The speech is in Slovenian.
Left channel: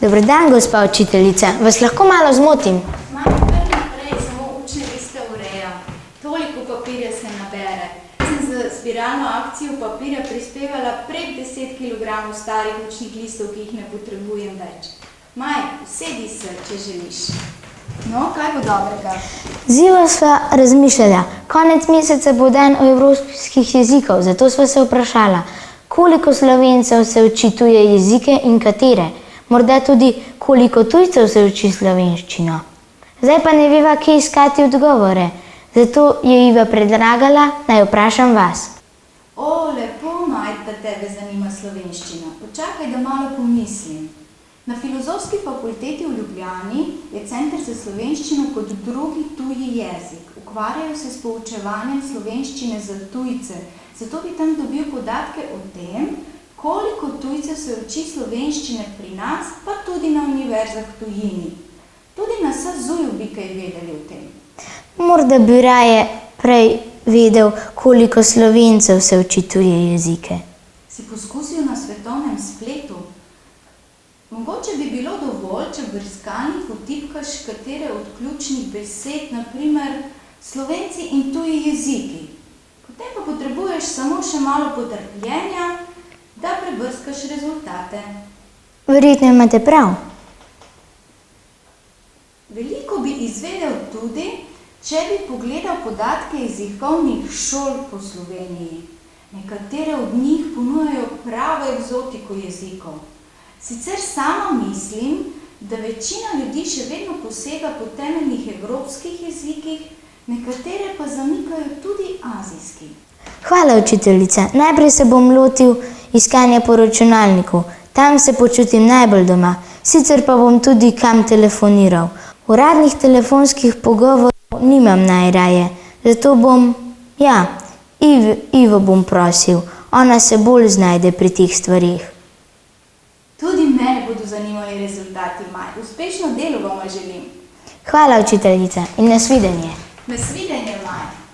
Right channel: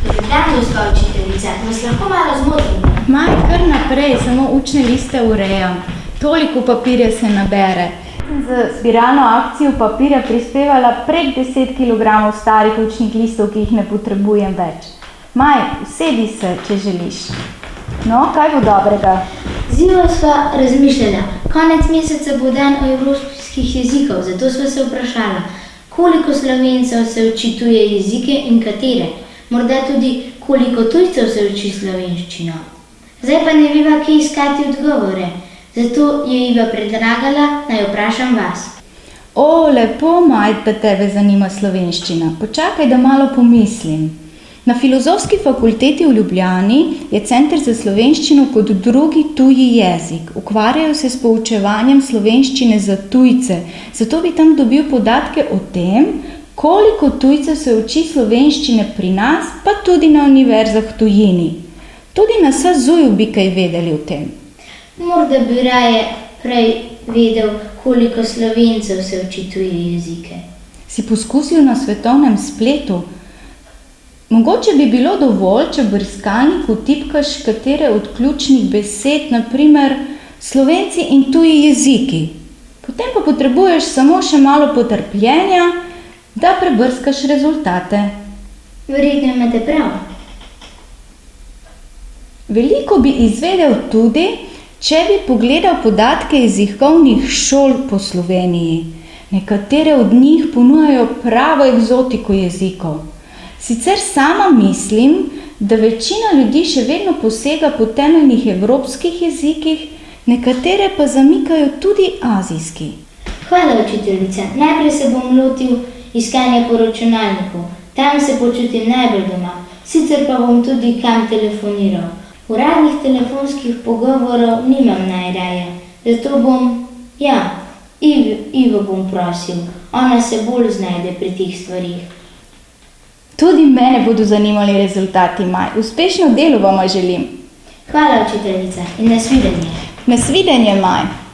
Dober dan, gospa učiteljica. Vas lahko malo zmotim? Maj, kar naprej, samo učne liste urejam. Toliko papirja se nabere. Sem za zbiralno akcijo papirja prispevala prek 10 kg starih učnih listov, ki jih ne potrebujem več. Maj, usedi se, če želiš. No, kaj bo dobrega? Ziva sva razmišljala. Konec meseca bo dan evropskih jezikov, zato sva se vprašala, koliko Slovencev se uči tuje jezike in katere. Morda tudi, koliko tujcev se uči slovenščino. Zdaj pa ne veva, kje iskati odgovore. Zato je Iva predlagala, naj vprašam vas. O, lepo, Maj, da tebe zanima slovenščina. Počakaj, da malo pomislim. Na Filozofski fakulteti v Ljubljani je Center za slovenščino kot drugi tuji jezik. Ukvarjajo se s poučevanjem slovenščine za tujce. Zato bi tam dobil podatke o tem, koliko tujcev se uči slovenščine pri nas, pa tudi na univerzah v tujini. Tudi na SAZU-ju bi kaj vedeli o tem. Morda bi raje prej vedel, koliko Slovencev se uči tuje jezike. Si poskusil na svetovnem spletu? Mogoče bi bilo dovolj, če v brskalniku tipkaš katere od ključnih besed, na primer Slovenci in tuji jeziki. Potem pa potrebuješ samo še malo potrpljenja, da prebrskaš rezultate. Verjetno imate prav. Veliko bi izvedel tudi, če bi pogledal podatke jezikovnih šol po Sloveniji. Nekatere od njih ponujajo pravo eksotiko jezikov. Sicer sama mislim, da večina ljudi še vedno posega po temeljnih evropskih jezikih, nekatere pa zamikajo tudi azijski. Hvala, učiteljica. Najprej se bom lotil iskanja po računalniku. Tam se počutim najbolj doma. Sicer pa bom tudi kam telefoniral. Uradnih telefonskih pogovorov nimam najraje. Zato bom, Ivo bom prosil. Ona se bolj znajde pri teh stvarih. Tudi mene bodo zanimali rezultati, Maj. Uspešno delo vama želim. Hvala, učiteljica, in nasvidenje. Nasvidenje, Maj.